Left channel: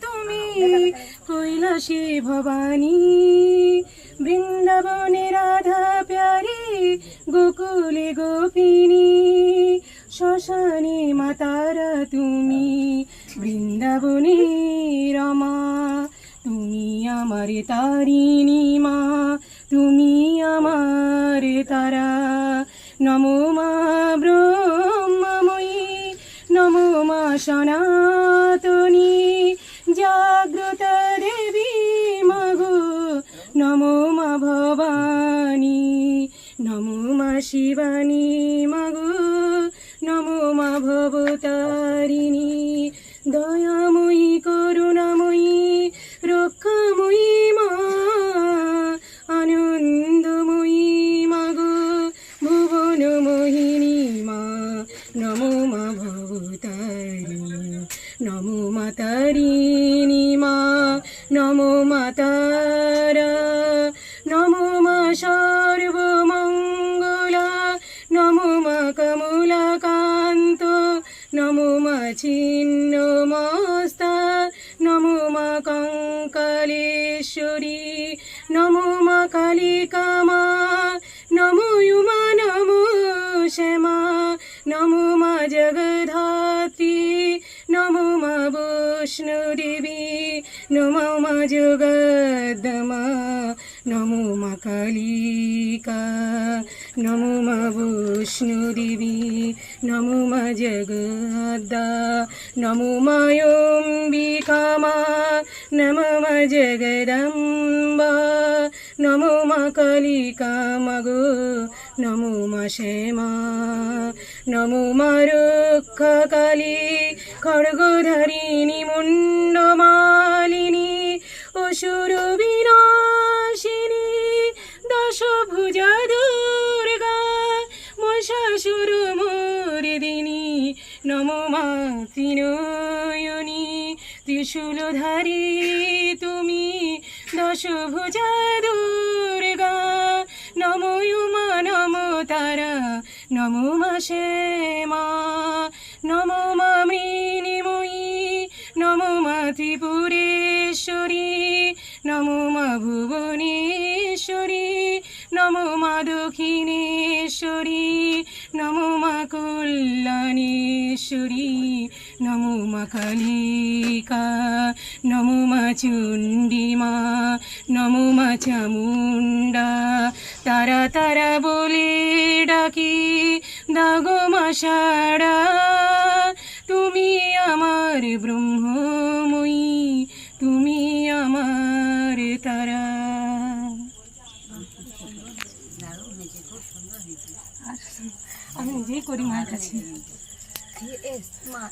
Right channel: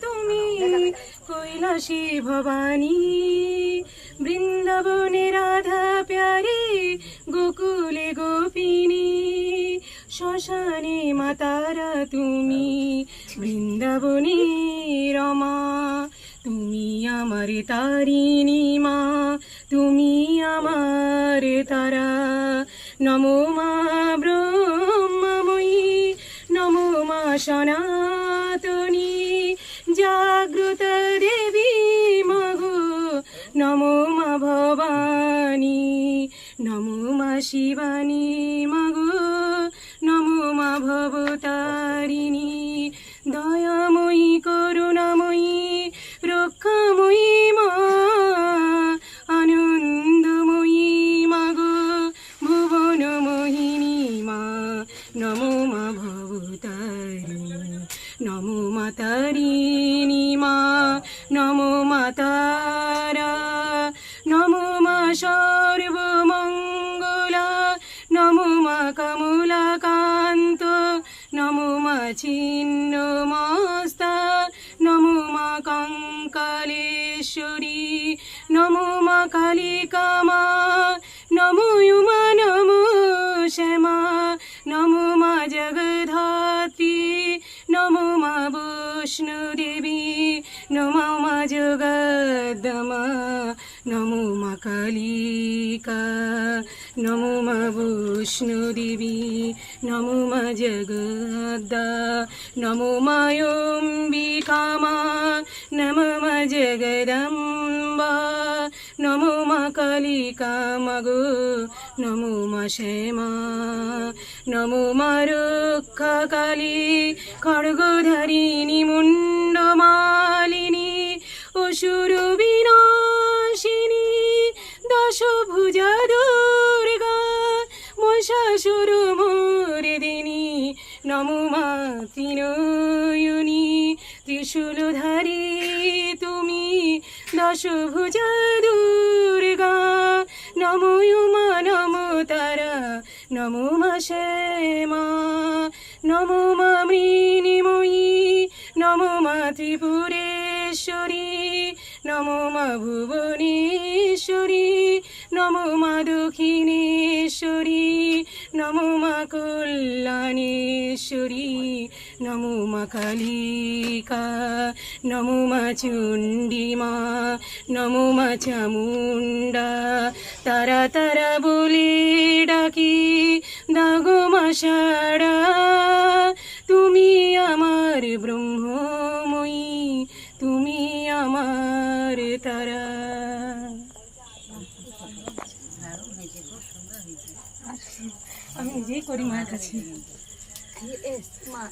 তুমি কৈলাসী ভবানী, বৃন্দাবনে রাধা প্যারি, গোকুলে গোপিনী, শ্মশানে মাতারা তুমি, বৃন্দাবনে রমা, তুমি আমার তারিণী মা, তুমি আমার তারা। নমো মা মা সনাতনী জাগ্রত দেবী মগো নমো মা ভবানী, নমো মা শিবানী মগো নমো মা ভবতারিণী, দয়াময়ী, করুণাময়ী, রক্ষাময়ী মা, আনন্দময়ী মাগো ভুবন মোহিনী মা। নমো নমো মা নমো মা তারা নমো মা সর্বমঙ্গলা নমো মা কমলাকান্ত নমো মা ছিন্ন মস্তা নমো মা কঙ্কালেশ্বরী নমো মা কালিকা মা বৈষ্ণদেবী নমো মা জগদ্দমা, নমো মা কালিকা, নমো মা বৈষ্ণদেবী নমো মা জগদ্দা, নমো মা অম্বিকা মা নমো মা জগদম্বা, নমো মা কালিকা মাগো নমো মা শ্যামা নমো মা রক্ষা কালী খড়গধারিণী মুন্ডমালিনী অসুর বিনাশিনী দশভুজা দুর্গা মশাসুর মোরদিনী নমো মা ত্রিনয়নী ত্রিশূলধারী তুমি দশভুজা দুর্গা নমো নমো তারা। নমো মা শ্যামা নমো মা মৃণিময়ী নমো মা ত্রিপুরেশ্বরী নমো মা ভুবনেশ্বরী নমো মা দক্ষিণেশ্বরী নমো মা কল্যাণেশ্বরী, নমো মা কালিকা, নমো মা চণ্ডীমা, নমো মা চামুণ্ডা। তারা তারা বলে ডাকি, দাগো মা সাড়া তুমি আমার ব্রহ্মময়ী আমি নিজেই করি মায়ের কাছে।